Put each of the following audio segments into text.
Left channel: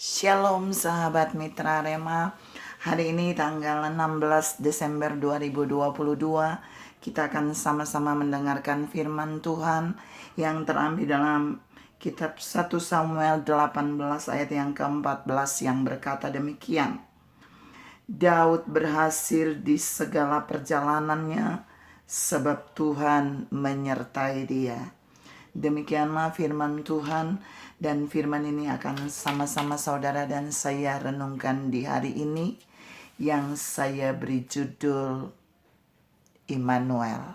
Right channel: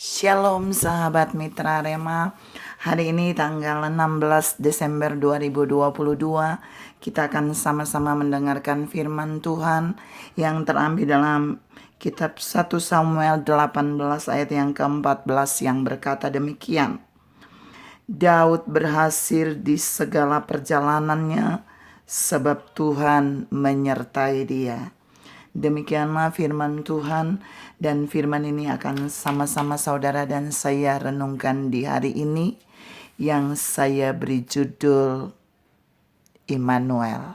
Shalom sahabat mitra Rema. Hari ini tanggal 16 Desember 2022, kita akan sama-sama mendengarkan firman Tuhan yang terambil dalam kitab 1 Samuel 18 ayat yang ke-14 yang berkata demikian. Daud berhasil di segala perjalanannya sebab Tuhan menyertai dia. Demikianlah firman Tuhan, dan firman ini akan sama-sama saudara dan saya renungkan di hari ini yang saya beri judul Immanuel.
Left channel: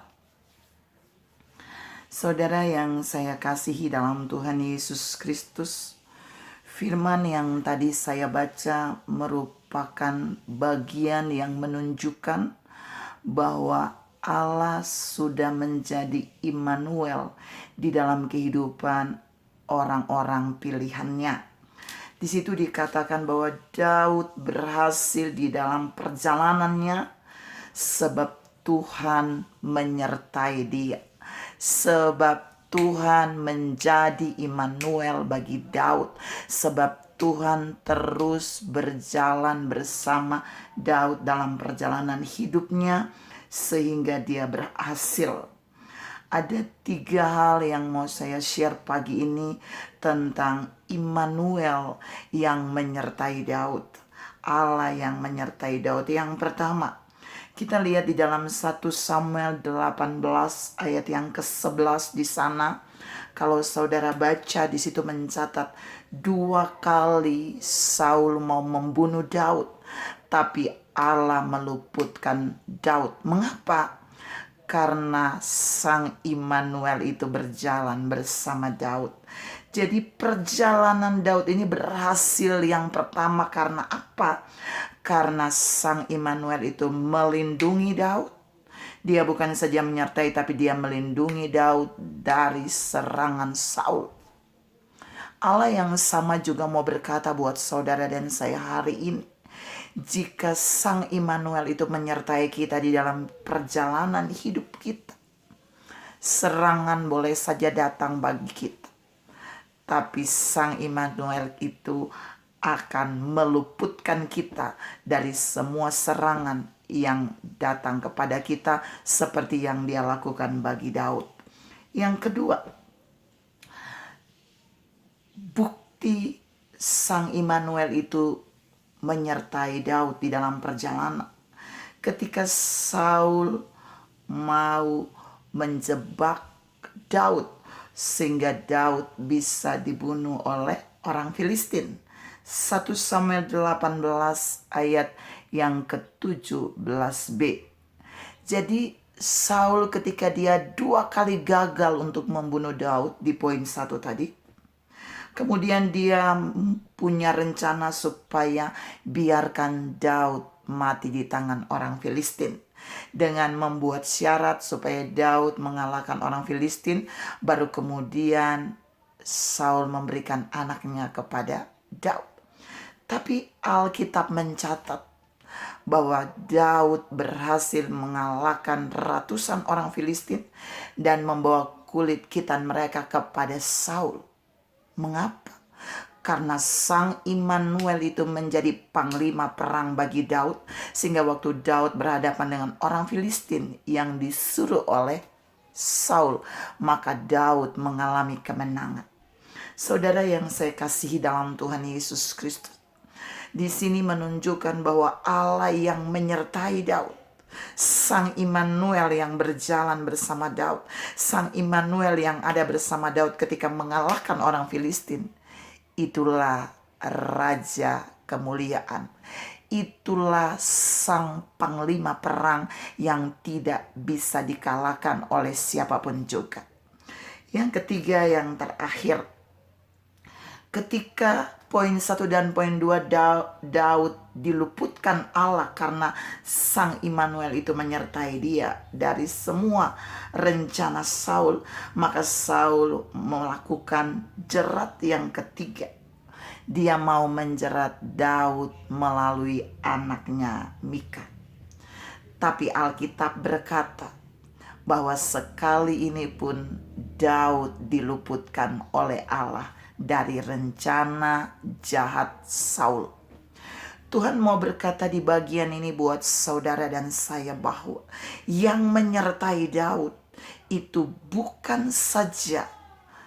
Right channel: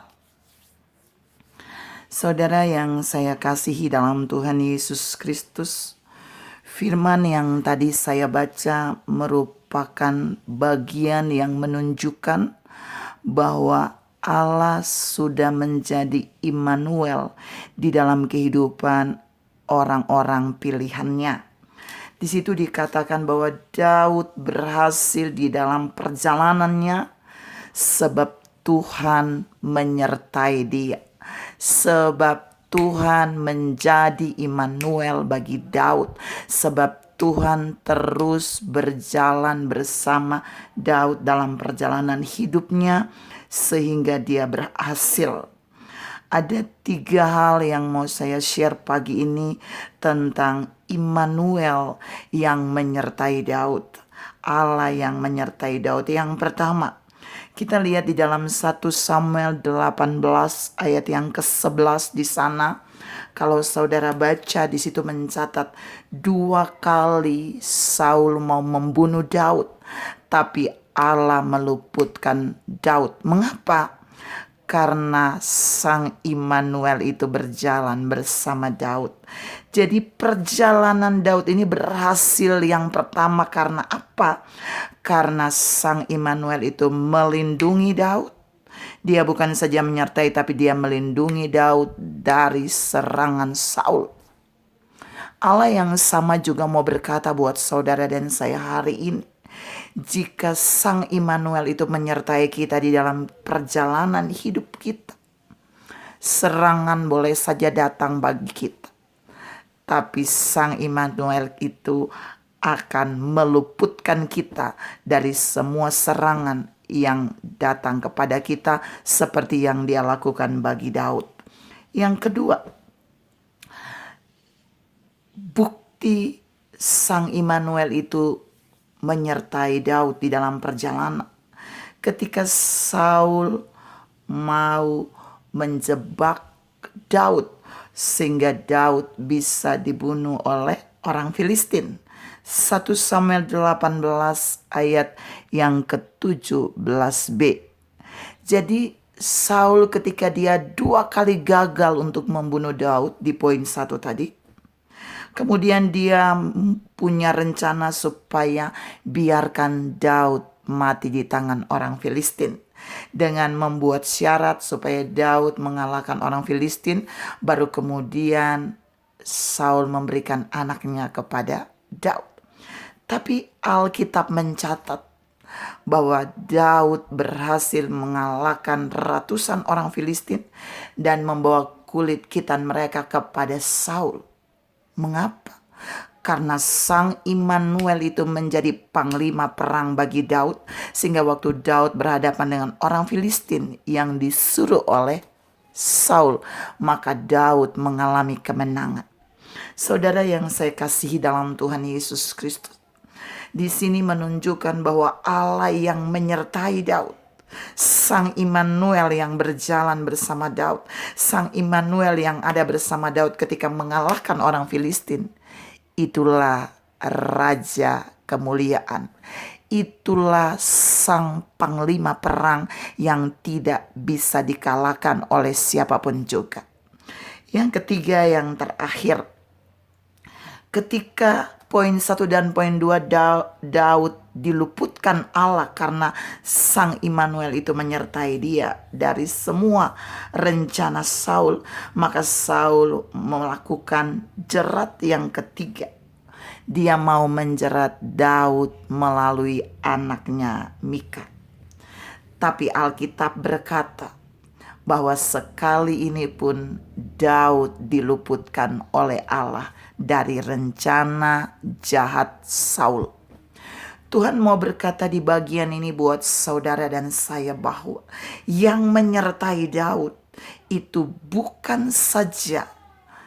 Saudara yang saya kasihi dalam Tuhan Yesus Kristus, firman yang tadi saya baca merupakan bagian yang menunjukkan bahwa Allah sudah menjadi Immanuel di dalam kehidupan orang-orang pilihannya. Di situ dikatakan bahwa Daud berhasil di dalam perjalanannya sebab Tuhan menyertai dia. Sebab Tuhan menjadi Immanuel bagi Daud. Sebab Tuhan terus berjalan bersama Daud dalam perjalanan hidupnya sehingga dia berhasil. Ada 3 hal yang mau saya share pagi ini tentang Immanuel yang menyertai Daud. Allah yang menyertai Daud. Yang pertama, kita lihat di dalam 1 Samuel 18 ayat yang ke-11 di sana. Kalau saudara baca di situ mencatat 2 kali Saul mau membunuh Daud, tapi Allah meluputkan Daud. Mengapa? Karena Sang Immanuel itu berjalan bersama Daud. Jadi perjalanan Daud ini berhasil yang pertama karena apa? Karena Sang Immanuel itu melindungi Daud. Dia bukan saja menyertai, tapi dia melindungi Daud dari serangan Saul. Allah yang sama juga mau berkata buat saudara dan saya hari ini. Jika Sang Immanuel itu menyertai kita di dalam perjalanan hidup kita, serangan boleh saja datang bagi kita, tapi Sang Immanuel itu akan meluputkan kita dari semua serangan yang datang kepada kita seperti yang dia lakukan bagi Daud. Yang kedua, bukti Sang Immanuel itu menyertai Daud di dalam perjalanan. Ketika Saul mau menjebak Daud sehingga Daud bisa dibunuh oleh orang Filistin. 1 Samuel 18 ayat yang ke-17b. Jadi Saul ketika dia 2 kali gagal untuk membunuh Daud di poin 1 tadi, kemudian dia punya rencana supaya biarkan Daud mati di tangan orang Filistin. Dengan membuat syarat supaya Daud mengalahkan orang Filistin, baru kemudian Saul memberikan anaknya kepada Daud. Tapi Alkitab mencatat bahwa Daud berhasil mengalahkan ratusan orang Filistin dan membawa kulit khitan mereka kepada Saul. Mengapa? Karena Sang Immanuel itu menjadi panglima perang bagi Daud, sehingga waktu Daud berhadapan dengan orang Filistin yang disuruh oleh Saul, maka Daud mengalami kemenangan. Saudara yang saya kasihi dalam Tuhan Yesus Kristus, di sini menunjukkan bahwa Allah yang menyertai Daud, Sang Immanuel yang berjalan bersama Daud, Sang Immanuel yang ada bersama Daud ketika mengalahkan orang Filistin, itulah Raja kemuliaan. Itulah Sang Panglima perang yang tidak bisa dikalahkan oleh siapapun juga. Yang ketiga, yang terakhir, ketika poin 1 dan poin 2 Daud diluputkan Allah karena Sang Immanuel itu menyertai dia dari semua rencana Saul, maka Saul melakukan jerat yang ketiga. Dia mau menjerat Daud melalui anaknya Mika. Tapi Alkitab berkata bahwa sekali ini pun Daud diluputkan oleh Allah dari rencana jahat Saul. Tuhan mau berkata di bagian ini buat saudara dan saya bahwa yang menyertai Daud itu bukan saja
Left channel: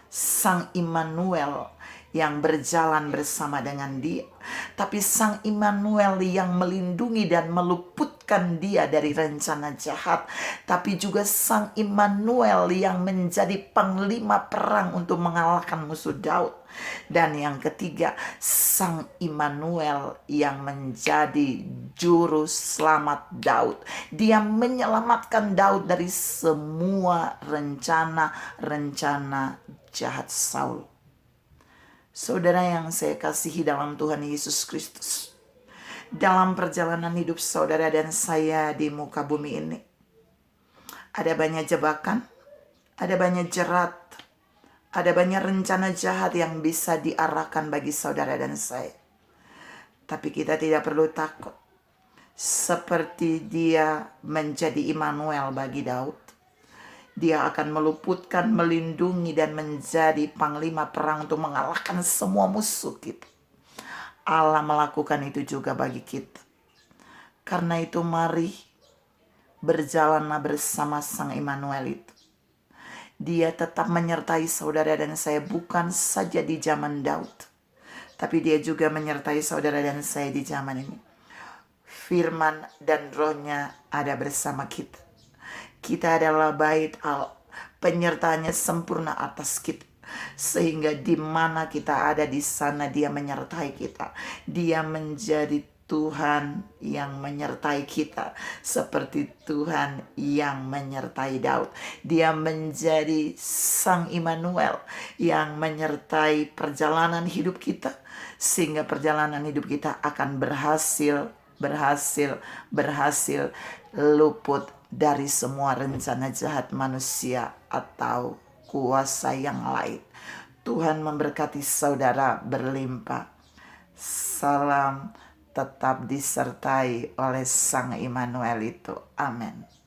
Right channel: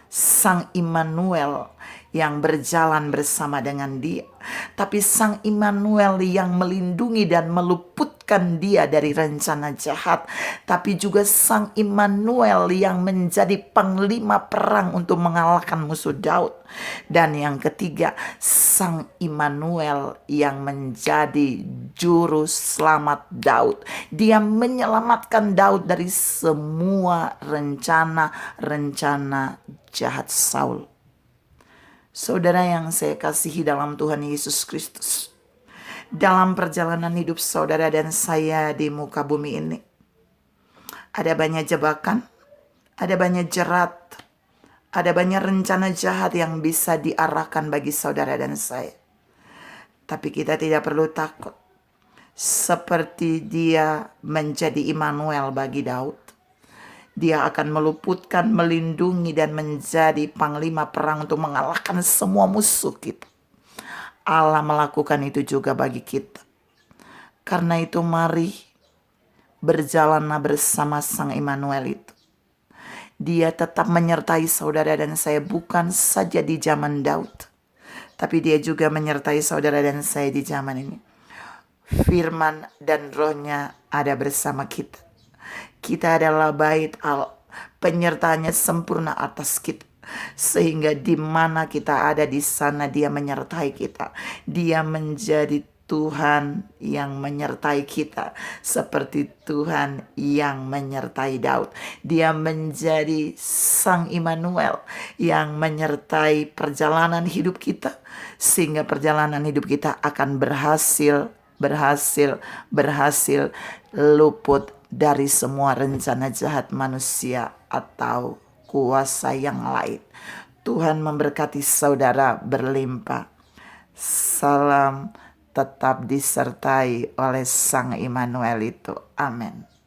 Sang Immanuel yang berjalan bersama dengan dia, tapi Sang Immanuel yang melindungi dan meluputkan dia dari rencana jahat, tapi juga Sang Immanuel yang menjadi panglima perang untuk mengalahkan musuh Daud. Dan yang ketiga, Sang Immanuel yang menjadi juru selamat Daud. Dia menyelamatkan Daud dari semua rencana jahat Saul. Saudara yang saya kasihi dalam Tuhan Yesus Kristus, dalam perjalanan hidup saudara dan saya di muka bumi ini, ada banyak jebakan, ada banyak jerat, ada banyak rencana jahat yang bisa diarahkan bagi saudara dan saya. Tapi kita tidak perlu takut. Seperti dia menjadi Immanuel bagi Daud, dia akan meluputkan, melindungi, dan menjadi panglima perang untuk mengalahkan semua musuh kita. Allah melakukan itu juga bagi kita. Karena itu mari berjalanlah bersama Sang Immanuel itu. Dia tetap menyertai saudara dan saya bukan saja di zaman Daud, tapi dia juga menyertai saudara dan saya di zaman ini. Firman dan rohnya ada bersama kita. Kita adalah bait Allah, penyertaannya sempurna atas kita. Sehingga di mana kita ada, di sana dia menyertai kita. Dia menjadi Tuhan yang menyertai kita, seperti Tuhan yang menyertai Daud. Dia menjadi Sang Immanuel yang menyertai perjalanan hidup kita, sehingga perjalanan hidup kita akan berhasil luput dari semua rencana jahat manusia atau kuasa yang lain. Tuhan memberkati saudara berlimpah. Salam tetap disertai oleh Sang Immanuel itu. Amin.